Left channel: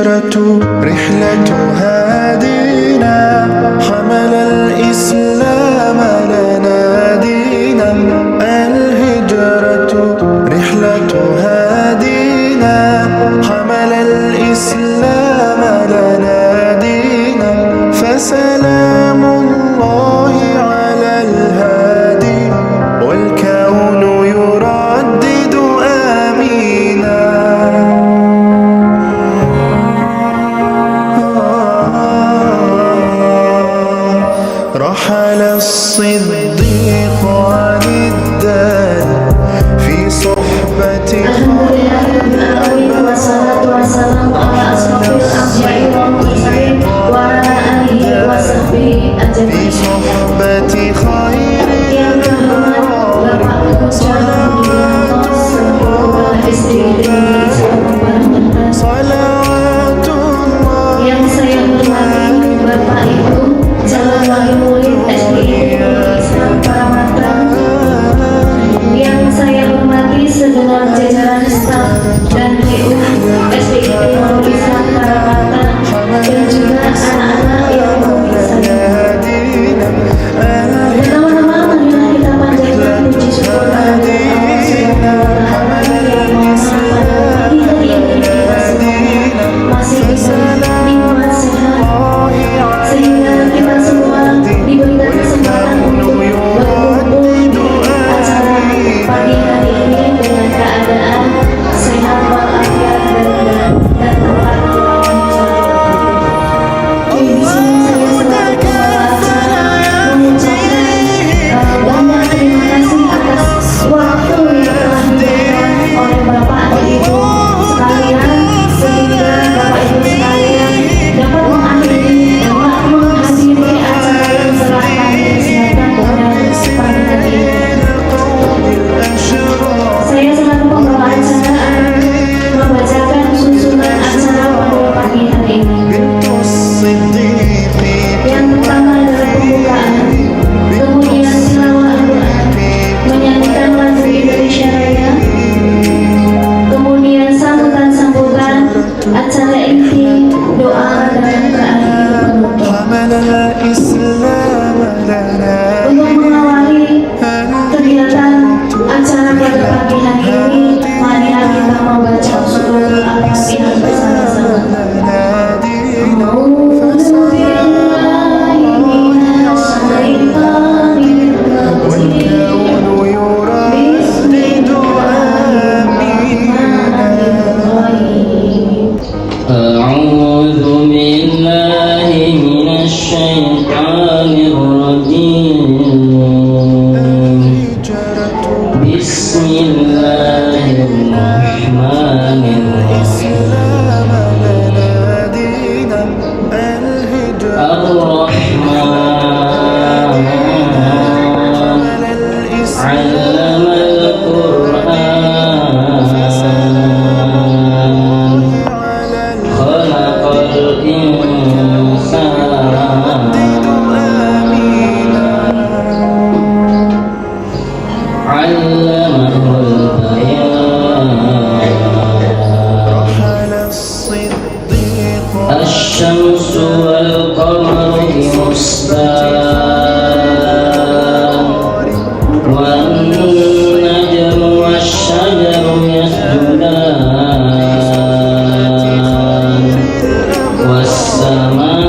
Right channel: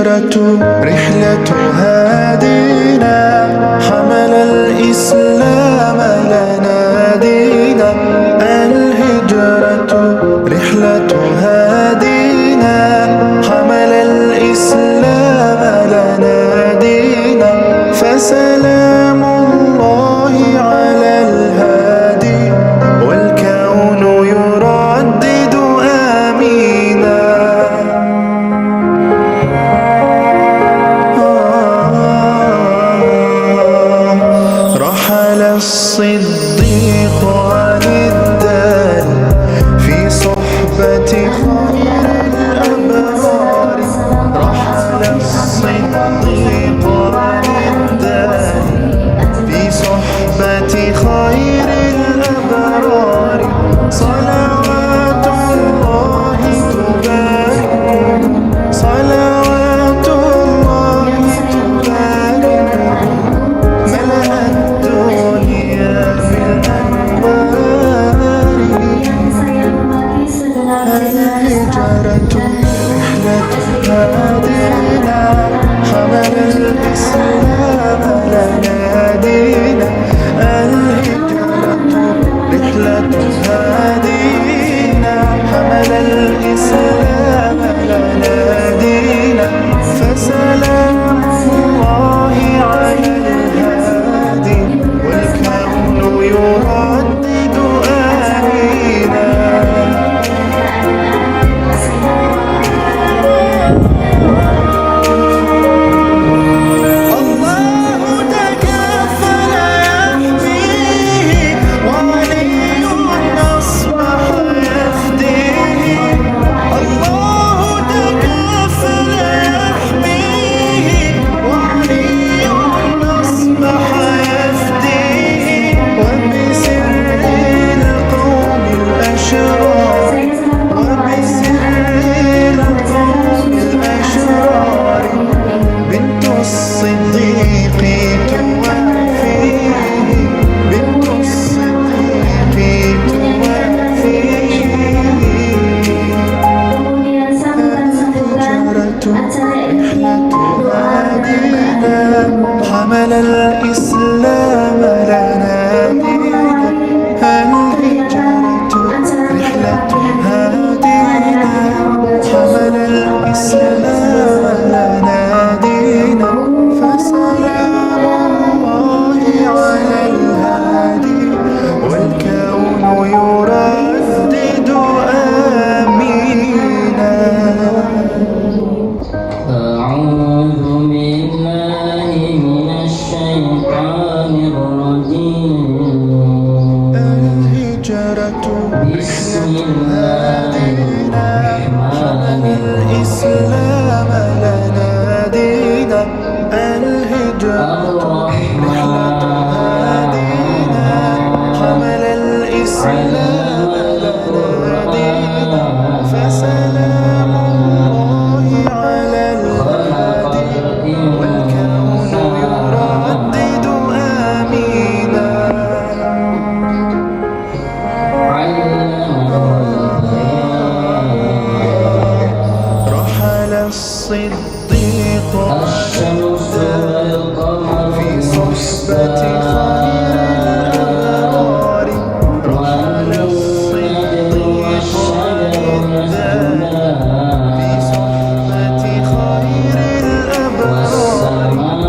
الهجرة رحلة هادينا، حمل الإسلام لنا دينا. الهجرة رحلة هادينا، حمل الإسلام لنا دينا. فسلام الله على الهادي، والكون يردد آمينا. رحل الصديق عن الدار في صحبة خير الأبرار. رحل الصديق عن الدار في صحبة خير الأبرار. صلوات الله تبارك، صلوات الله تبارك، ملأ الدنيا بالأنوار. الهجرة رحلة هادينا، حمل الإسلام لنا دينا. الهجرة رحلة هادينا، حمل الإسلام لنا دينا. فسلام الله على الهادي، والكون يردد آمينا. الله تكفل يحميه، وولي أصبح يفديه. الله تكفل يحميه، وولي أصبح يفديه. وبسر القوم الأشرار، وبسر القوم الأشرار، بنت الصديق توافيه، بنت الصديق توافيه. Kemudian sambungan acara ini doa dan حمل الإسلام لنا دينا. الهجرة رحلة هادينا، حمل الإسلام لنا دينا. فسلام الله على الهادي، والكون يردد آمينا. أعوذ بالله من الشيطان الرجيم. الهجرة بسم الله الرحمن الإسلام لنا دينا. الهجرة رحلة هادينا، حمل الإسلام لنا دينا. فسلام الله على الهادي، والكون يردد آمينا. علمه البيان. رحل الصديق الشمس والقمر في صحبة خير الأبرار. رحل والنجم والشجر يسجدان، في صحبة خير الأبرار.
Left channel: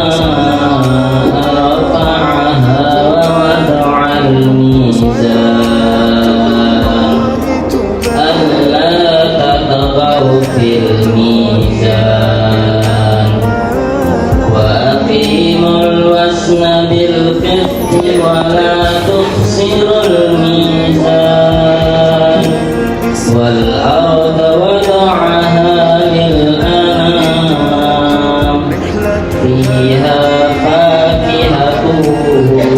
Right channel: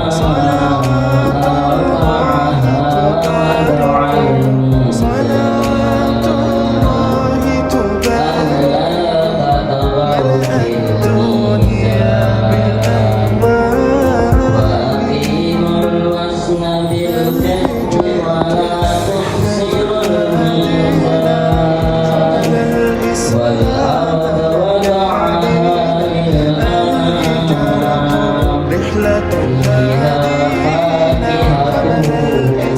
والسماء رفعها ووضع صلاة الميزان، الله تبارك، ألا تطغوا في الميزان، وأقيموا الوزن بالقسط ولا تخسروا الميزان. والأرض وضعها للأنام، رحلة فيها فاكهة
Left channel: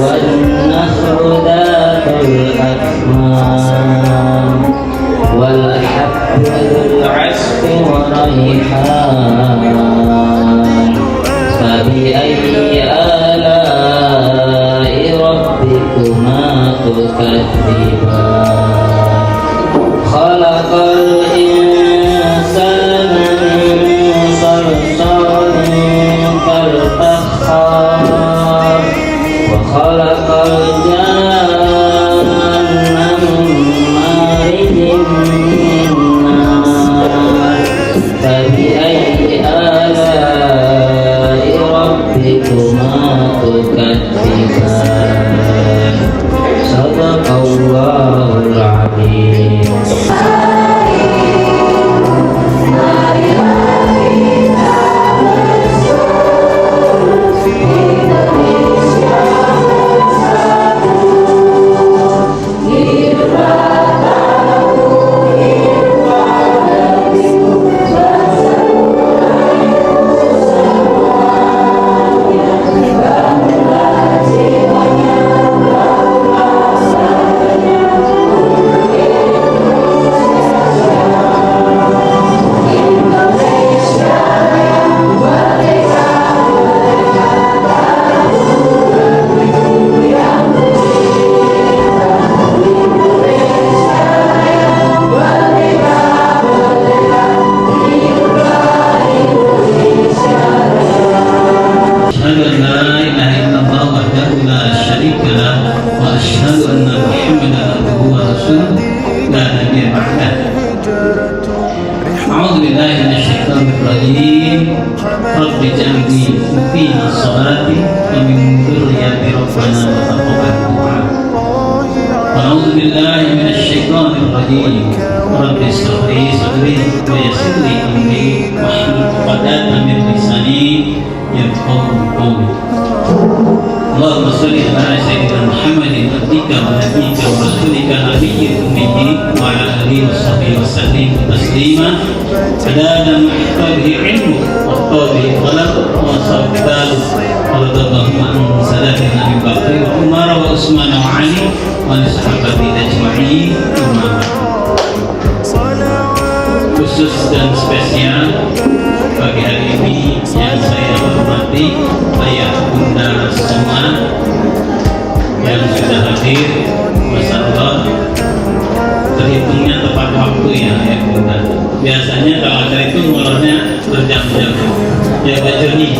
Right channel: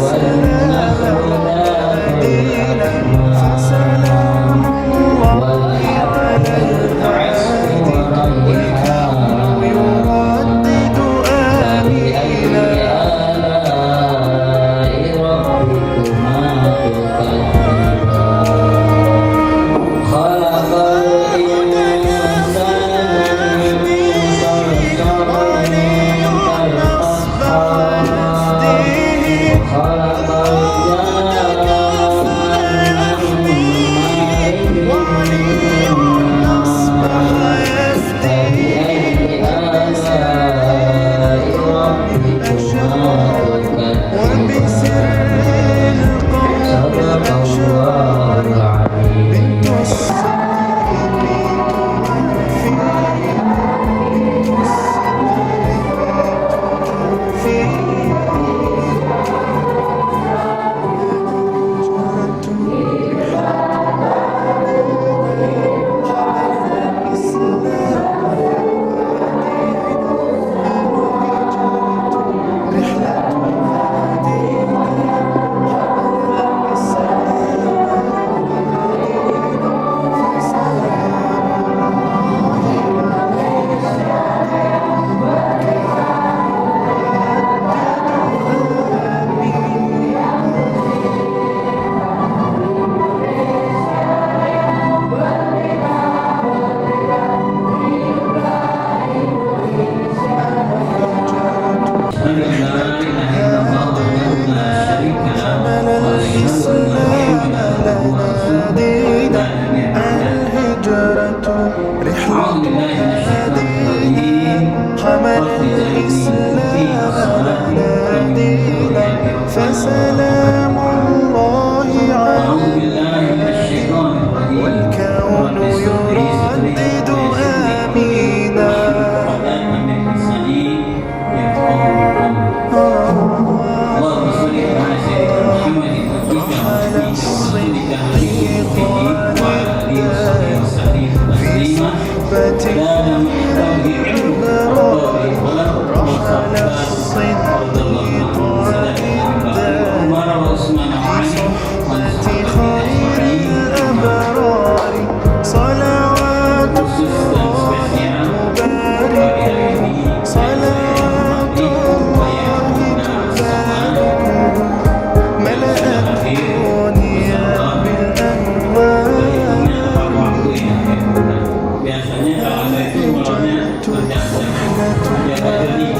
والنخل ذات الأكمام، والحب العسل والريحان. يردد فبأي آلاء ربكما تكذبان. خلق فسلام الله أعوذ بالله من الشيطان الرجيم والكون رب اشرح لي صدري يردد ويسر لي أمري آمينا. واحلل عقدة من لساني يفقهوا قولي اللهم صل على سيدنا محمد عبدك ونبيك ورسولك النبي الأمي وعلى آله وصحبه وسلم تسليما عدد ما يحتاجه علمك وقوله خلقك وصفاته ورد الله عن سلام أبي بكر وعمر وعثمان وعلي والصحابة أجمعين أما بعد. صلوات Khusus dan spesial bagi hari ini yang saya hormati ayah bunda semua yang sudah hadir. Masya Allah, terhitungnya tepat waktu ya ayah bunda. Biasanya kalau ada itu mulanya berjam-jam jaga jernih.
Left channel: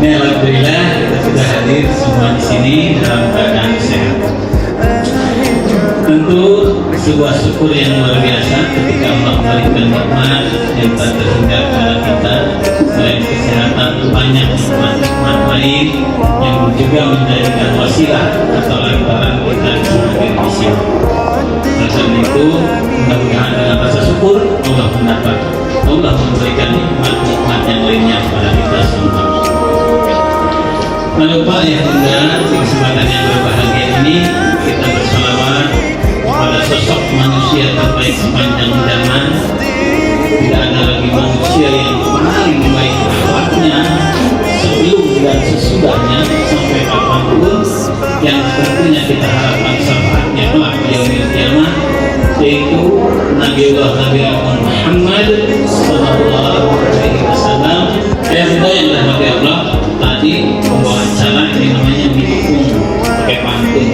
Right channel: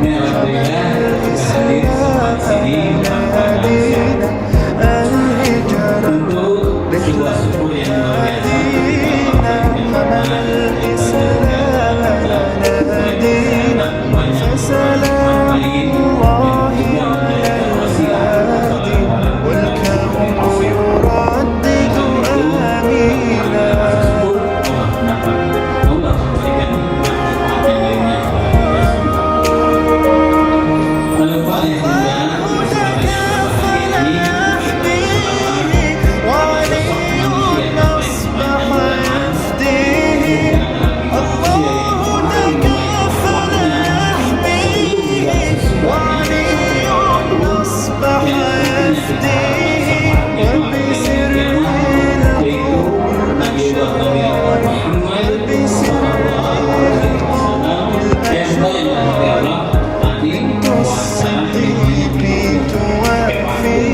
Ini alhamdulillah kita sudah hadir semua di sini dalam keadaan sehat. Tentu sebuah syukur yang luar biasa ketika Allah berikan nikmat dan sehingga kita baik kesehatan banyak nikmat lain yang juga menjadikan wasilah atau lantaran kita semakin bersih. Karena itu bagaimana rasa syukur Allah mendapat Allah memberikan nikmat-nikmat yang lainnya kepada kita semua. Lalu Pak ya di kesempatan yang berbahagia ini kita bersalawat pada sosok manusia terbaik sepanjang zaman. Tidak ada lagi manusia yang paling baik akhlaknya sebelum dan sesudahnya sampai kapanpun, yang tentunya kita harapkan syafaatnya kelak di yaumil qiyamah, yaitu Nabiullah Muhammad sallallahu alaihi wasallam. Yang bagi Allah tadi membawa acara ini namanya menghukum pakai pantun.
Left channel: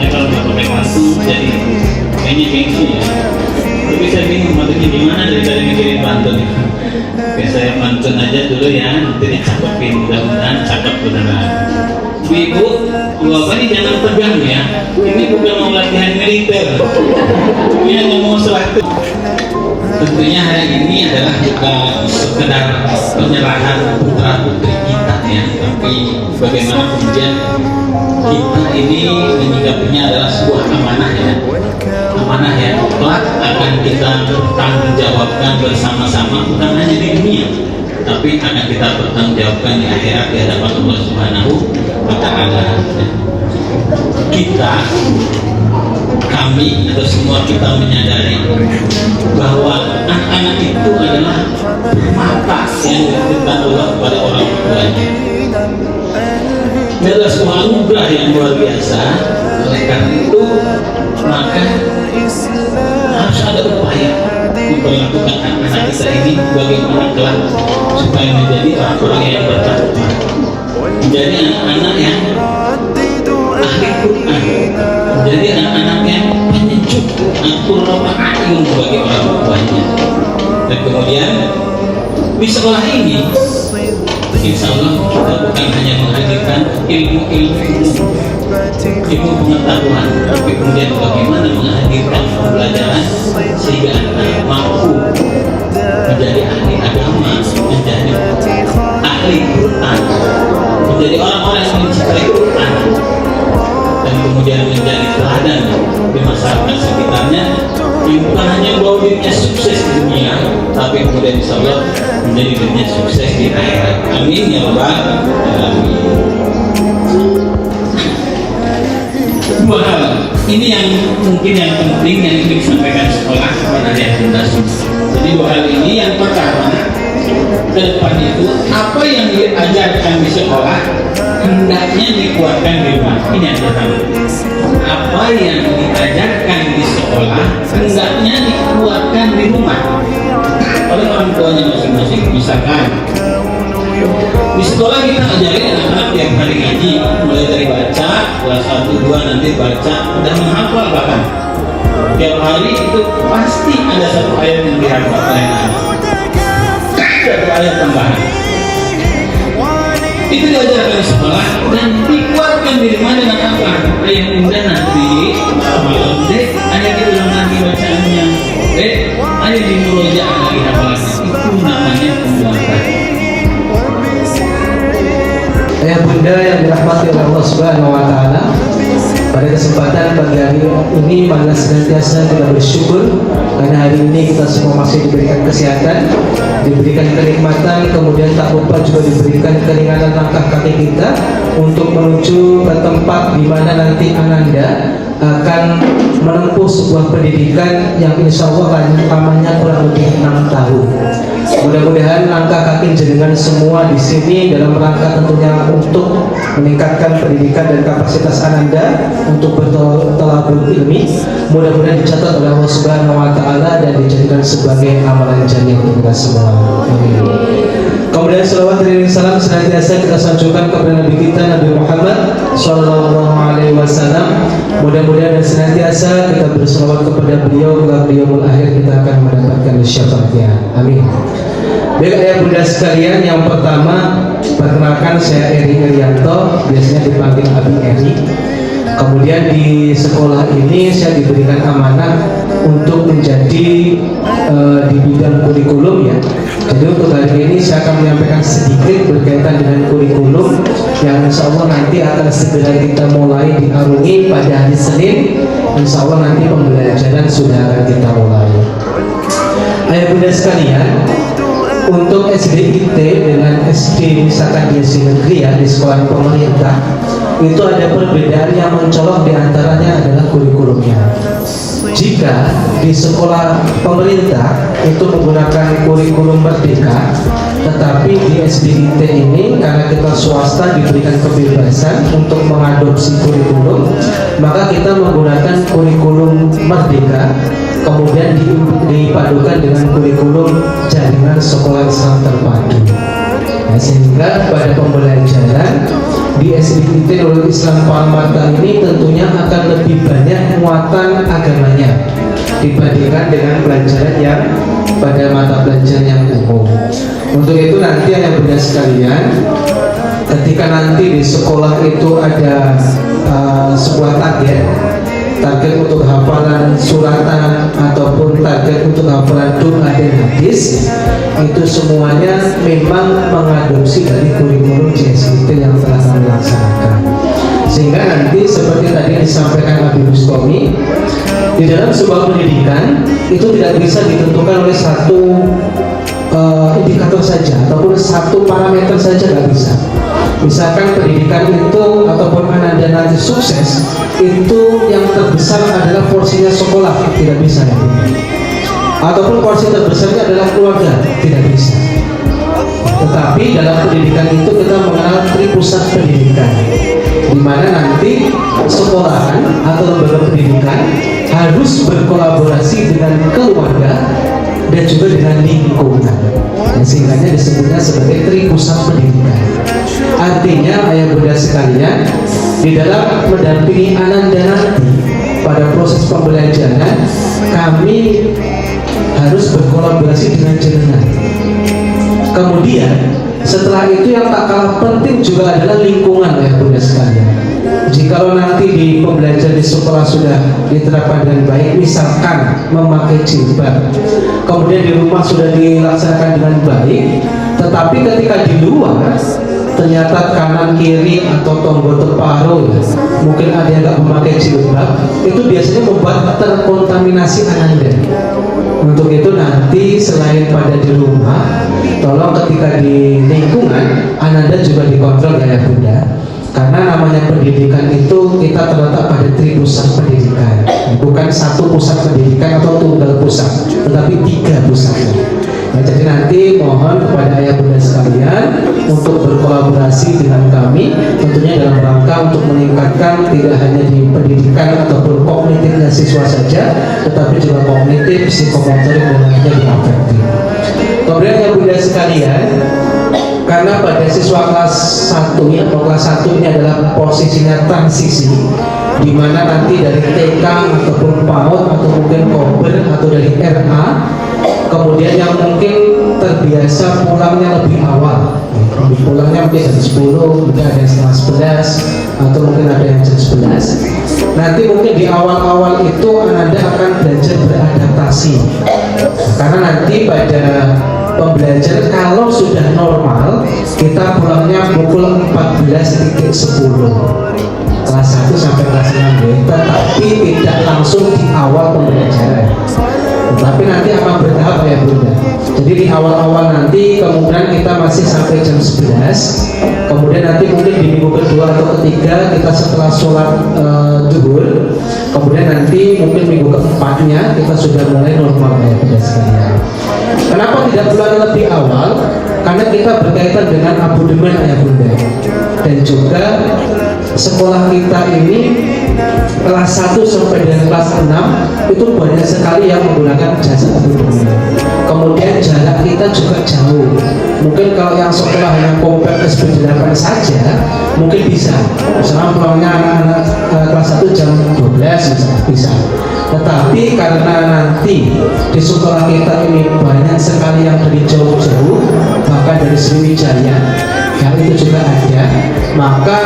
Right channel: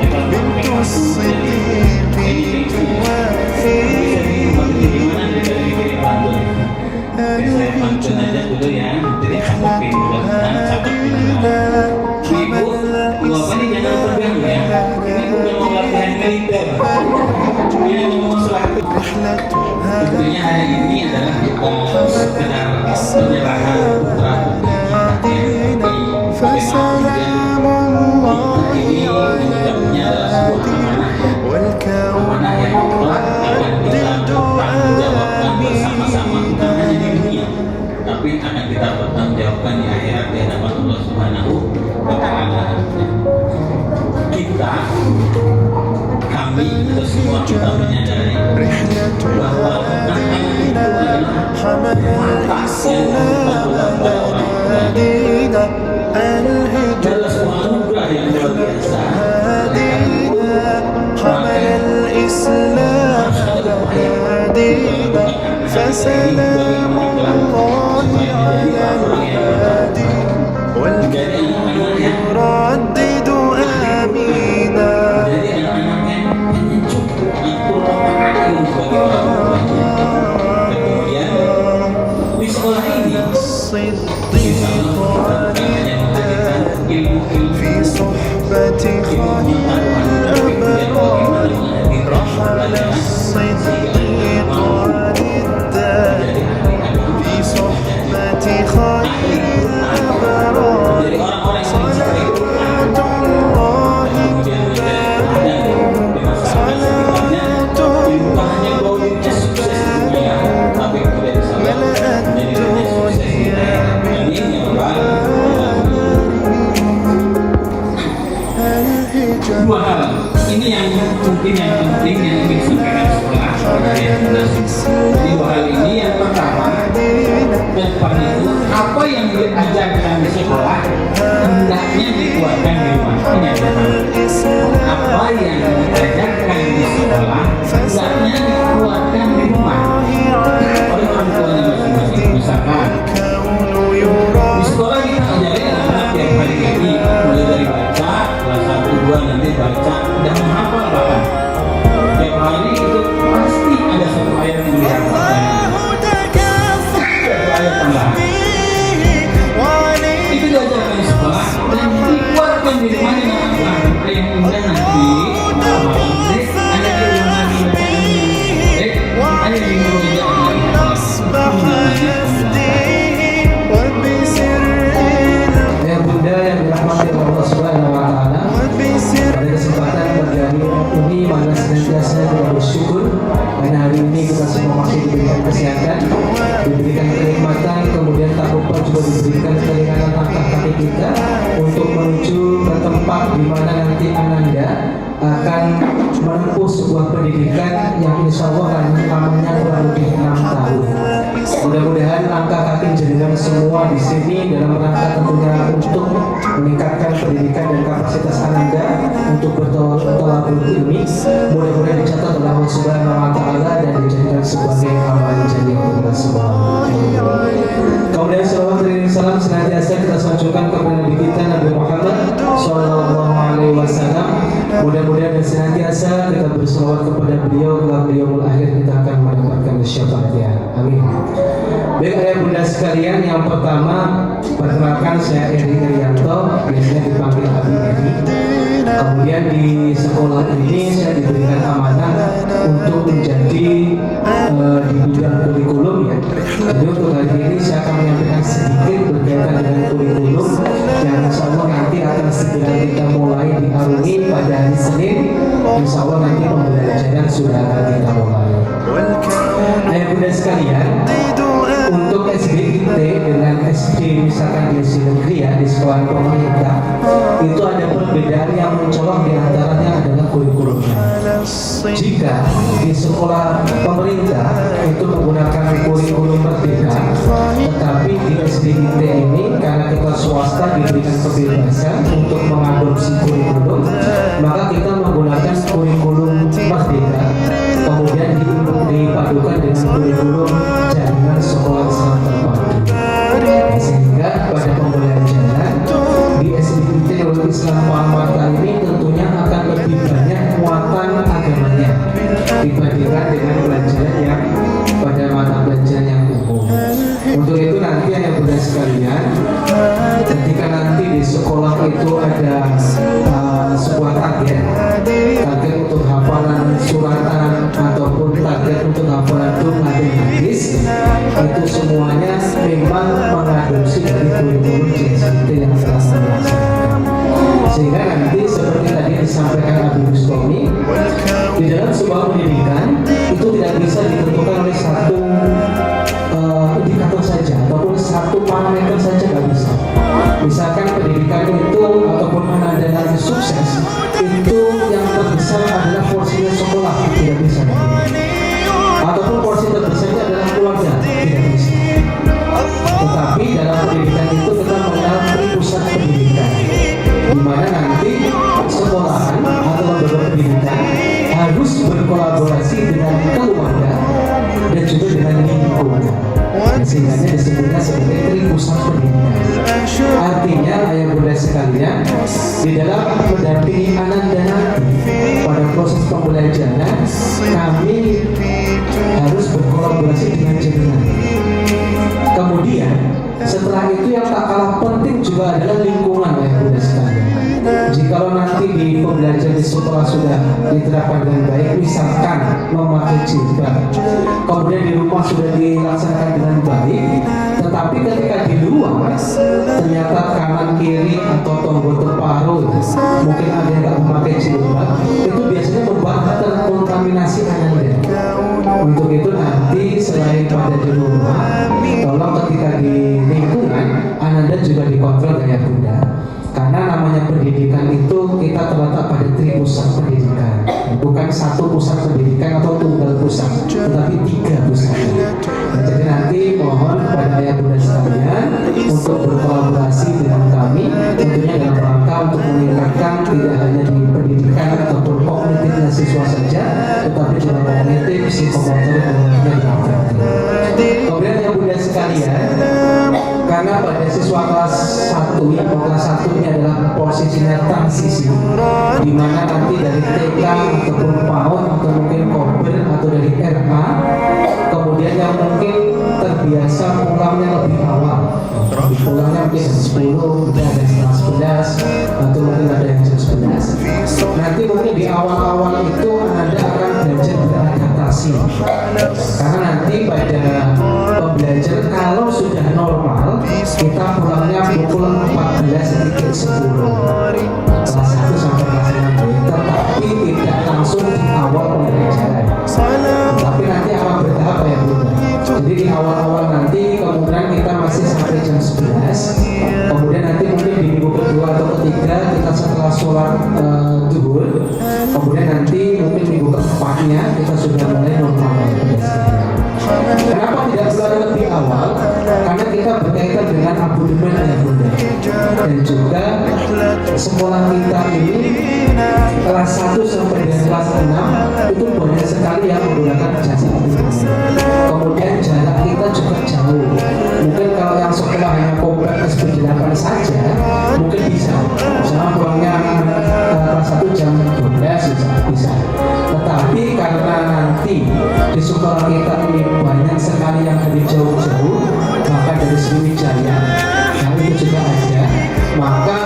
Ya kalau mau pakai pantun jadi ini bingsu ya. Tapi saya bingung matanya gimana daripada mikirin pantun. Oke, saya pantun aja dulu ya, nanti dicakepin, mudah-mudahan cakep beneran. Ibu, Bapak ini jangan tegang ya. Ini bukan mau latihan militer. Ini ngomong sesuatu. Tentunya hari ini adalah bukan sekedar penyerahan putra putri kita ya, tapi bagaimana kemudian kita ini menyikapinya adalah sebuah amanah ya. Amanah yang kelak akan kita bertanggung jawabkan bersama-sama, bukan hanya di dunia, tapi akan kita bertanggung jawabkan di akhirat di hadapan Allah Subhanahu wa Ta'ala. Kita, kami atau semua kita menyadari bahwa anak-anak itu adalah mata yang diberikan Allah kepada orang tuanya. Adalah sebuah anugerah yang luar biasa. Oleh karena itu, maka harus ada upaya untuk melakukan anak kita ini bagaimana kelak supaya menjadi orang yang bertakwa, menjadi anak-anak yang ahli Quran, menjadi anak-anak yang penyejuk qurrata a'yun bagi orang tuanya. Dan kemudian di sekolah ini insya Allah kita bukan hanya menghadirkan ilmu-ilmu itu pengetahuan, tapi kemudian bagaimana menghadirkan pembelajaran sehingga anak mampu menjadi ahli agama, menjadi ahli Quran, menjadi orang-orang yang mencintai Quran, dan kemudian menjadi teladan di masyarakat sekitarnya. Bukan hanya bahwa dirinya sukses di dunia, tapi kemudian insya Allah menjadi dirinya sukses di akhirat. Amin ya rabbal alamin. Dua hal ini yang mungkin yang penting yang ingin disampaikan sekolah kepada adik-adik. Jadi dua hal ini, yang pertama, ke depan itu apa yang diajarkan di sekolah hendaknya dikuatkan di rumah. Ini adalah apa yang diajarkan di sekolah hendaknya dikuatkan di rumah oleh orang tuanya masing-masing. Misalkan di sekolah kita ajarin anak-anak tiap hari ngaji, mulai dari baca kelas 1, 2 nanti baca dan menghafal bahkan tiap hari itu pasti ada satu ayat yang dihafal, satu ayat tambahan. Itu diajarkan di sekolah dan dikuatkan di rumah dengan apa? Yang kemudian nanti malam deh hanya diulang lagi bacaannya, hanya dimurojaah lagi hafalannya. Ayah bunda yang dirahmati oleh Allah Subhanahu wa Ta'ala, pada kesempatan pagi hari ini marilah senantiasa kita bersyukur karena hari ini kita semua masih diberikan kesehatan, diberikan kenikmatan, kemudian tak lupa juga diberikan keringanan langkah kaki kita untuk menuju ke tempat di mana nanti ananda akan menempuh sebuah pendidikan yang insya Allah lamanya kurang lebih 6 tahun. Mudah-mudahan langkah kaki jenengan semua di sini dalam rangka tentunya untuk meningkatkan pendidikan dan kapasitas ananda untuk bertolabul ilmi, mudah-mudahan dicatat oleh Allah Subhanahu wa Ta'ala dan dijadikan sebagai amalan jariah kita semua. Amin. Kemudian salawat dan salam senantiasa kita sanjungkan kepada Nabi kita Nabi Muhammad Sallallahu Alaihi Wasallam. Mudah-mudahan dan senantiasa kita bersalawat kepada beliau hingga beliau akhir kita akan mendapatkan syafaatnya. Amin. Baik ayah bunda sekalian, yang pertama perkenalkan saya Eri Irianto, biasanya dipanggil Abi Eri. Kemudian di sekolah ini saya diberikan amanah untuk menjadi di bidang kurikulum ya. Jadi untuk hari ini saya akan menyampaikan sedikit berkaitan dengan kurikulum yang insya Allah nanti akan segera kita mulai diarungi pada hari Senin. Insya Allah nanti pembelajaran sudah akan kita mulai. Ayah bunda sekalian, untuk SDIT dengan SD misalkan di SD negeri ya, di sekolah pemerintah itu ada perbedaan yang mencolok, diantaranya adalah kurikulumnya. Jika di sekolah pemerintah itu menggunakan kurikulum merdeka, tetapi di SDIT ini karena kita swasta diberikan kebebasan untuk mengadopsi kurikulum, maka kita menggunakan kurikulum merdeka kemudian dipadukan dengan kurikulum jaringan sekolah Islam terpadu. Nah, sehingga pada pembelajaran di SDIT Nurul Islam Pahamata ini tentunya akan lebih banyak muatan agamanya dibandingkan dengan pelajaran yang pada mata pelajaran yang umum. Untuk itu nanti ayah bunda sekalian, ketika nanti di sekolah itu ada sebuah target untuk hafalan suratan ataupun target untuk hafalan doa dan hadis, itu semuanya memang mengadopsi dari kurikulum JST yang telah kami laksanakan. Sehingga nanti seperti tadi disampaikan Abi Bustomi, di dalam sebuah pendidikan itu tidak bisa ditentukan oleh satu indikator saja ataupun satu parameter saja, nggak bisa. Misalkan pendidikan itu ataupun ananda nanti sukses, itu yang terbesar adalah porsinya sekolah, tidak bisa ya. Ataupun porsi terbesarnya adalah keluarga, tidak bisa. Tetapi dalam pendidikan itu kita mengenal tripusat pendidikan, di mana nanti sekolahan atau lembaga pendidikan harus berkolaborasi dengan keluarga dan juga dengan lingkungan. Nah, sehingga disebutnya sebagai tripusat pendidikan. Artinya ayah bunda sekalian, di dalam mendampingi ananda nanti pada proses pembelajaran, kami harus berkolaborasi dengan jenengan. Kemudian setelah itu yang tak kalah penting juga adalah lingkungan ayah bunda sekalian. Jikalau nanti di pembelajaran di sekolah sudah diterapkan dengan baik, misalkan memakai jilbab, kemudian di rumah sudah dilaksanakan dengan baik, tetapi ketika di luar ternyata kanan kiri atau tombol terparu mungkin ada yang nggak memakai jilbab, itu biasanya membuat terkontaminasi ananda. Untuk itu nanti selain pada di rumah, tolong ketika di lingkungan ananda juga dikontrol ya Bunda. Karena namanya pendidikan itu kita terletak pada 3 pusat pendidikan, bukan 1 pusat pendidikan atau tunggal pusat, tetapi 3 pusat. Nah, jadi nanti mohon kepada ayah bunda sekalian untuk berkolaborasi dengan kami, tentunya dalam rangka untuk meningkatkan tidak hanya di pendidikan ataupun kognitifnya siswa saja, tetapi juga kognitif, psikomotorik dan lainnya diperbaiki. Kemudian ayah bunda sekalian, karena pada siswa kelas 1 atau kelas 1 ini adalah posisinya transisi, di mana nanti dari TK ataupun PAUD atau mungkin kober atau dari RA, kemudian yang mungkin terbiasa pulangnya lebih awal, pulangnya mungkin jam 10, mungkin ada yang setengah 11, atau mungkin ada yang jam 11. Nanti mungkin di awal-awal itu Anda akan belajar beradaptasi, karena nanti pada pembelajaran kalau sudah normal kita pulangnya pukul 14.10 kelas 1 sampai kelas 6, tetapi tidak langsung di awal pembelajaran, tapi nanti akan bertahap ya Bunda. Jadi di awal-awal nanti kemudian kita masih sampai jam 11, kemudian nanti mungkin di minggu kedua atau ketiga kita setelah sholat zuhur, kemudian nanti mungkin minggu keempatnya kita sudah mulai normal ya Bunda sekalian. Kenapa tidak mulai lebih awal? Karena kita berkaitan dengan abodemen ya Bunda, dan juga sekolah kita ini kelas 1 sampai dengan kelas 6 itu banyak sekali yang menggunakan jasa abodemen. Kemudian jarak kita juga jauh. Mungkin kalau yang sekolah yang komplek SPB 8 saja mungkin bisa, misalnya pulangnya anak kelas 1 jam 12 bisa. Tetapi karena nanti di sekolah kita ini banyak sekali yang dari jauh-jauh, maka dari Sriwijaya, hal itu juga ada, maka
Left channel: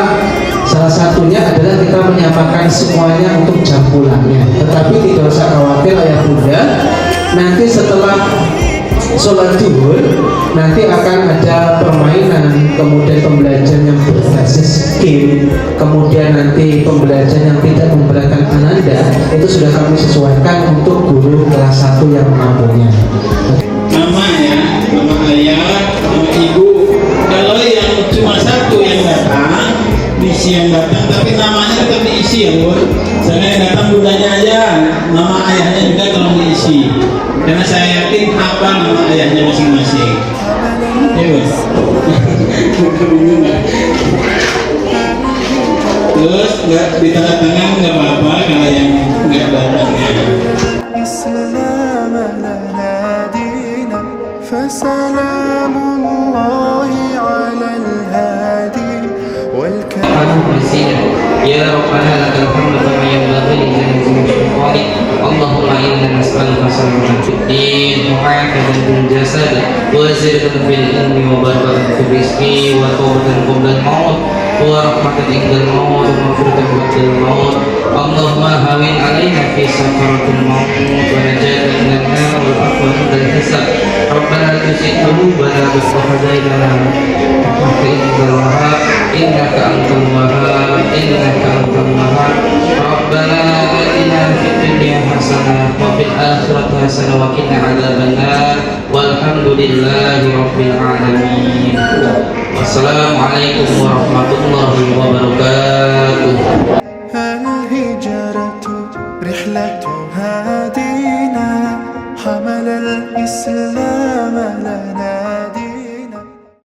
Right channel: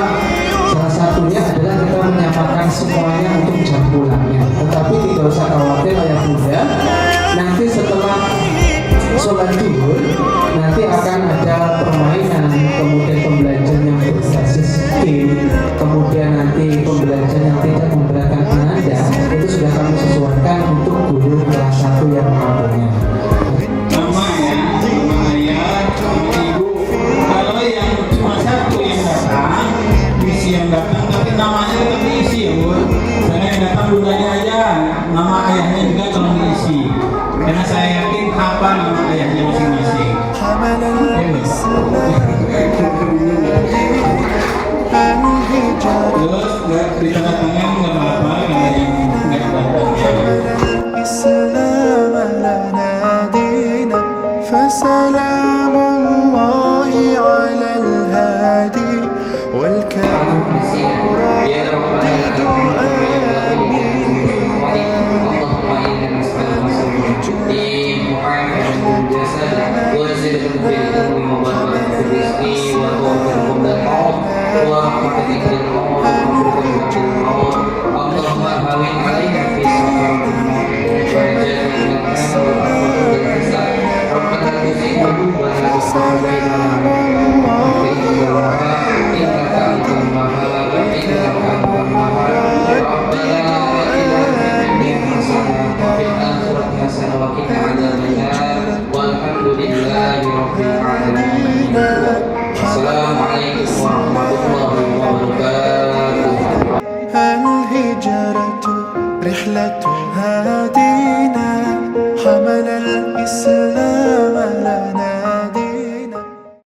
salah satunya adalah kita menyamakan semuanya untuk jam pulangnya. Tetapi tidak usah khawatir ayah bunda, nanti setelah sholat zuhur nanti akan ada permainan, kemudian pembelajaran yang berbasis game, kemudian nanti pembelajaran yang tidak memberatkan ananda, itu sudah kami sesuaikan untuk guru kelas 1 yang mampunya. Mama ya, mama ayah, mama ibu. Kalau yang cuma 1 yang datang, diisi yang datang, tapi namanya tetap diisi ya Bu. Jangan yang datang budanya aja, nama ayahnya juga tolong diisi. Karena saya yakin apa nama ayahnya masing-masing. Terus nggak di tengah tangan nggak apa-apa kalau yang nggak datang. الإسلام لنا دينا فسلام الله على الهادي والكريم يا ربنا لك الحمد كما ينبغي لجلال اللهم انا نسالك سلامة في الدين وعافية في الجسد وزيادة في العلم وبركة في الرزق وقوة قبل الموت ورحمة عند الموت ومغفرة بعد الموت. اللهم هون علينا في سكرات الموت ونجاة من النار والعفو عند الحساب. ربنا لا تزغ قلوبنا بعد إذ هديتنا وهب لنا الوهاب إنك أنت الوهاب إنك أنت الوهاب. ربنا آتنا في الدنيا حسنة وفي الآخرة حسنة وقنا عذاب النار والحمد لله رب العالمين. والسلام عليكم ورحمة الله وبركاته. الهجرة رحلة هادينا حمل الإسلام لنا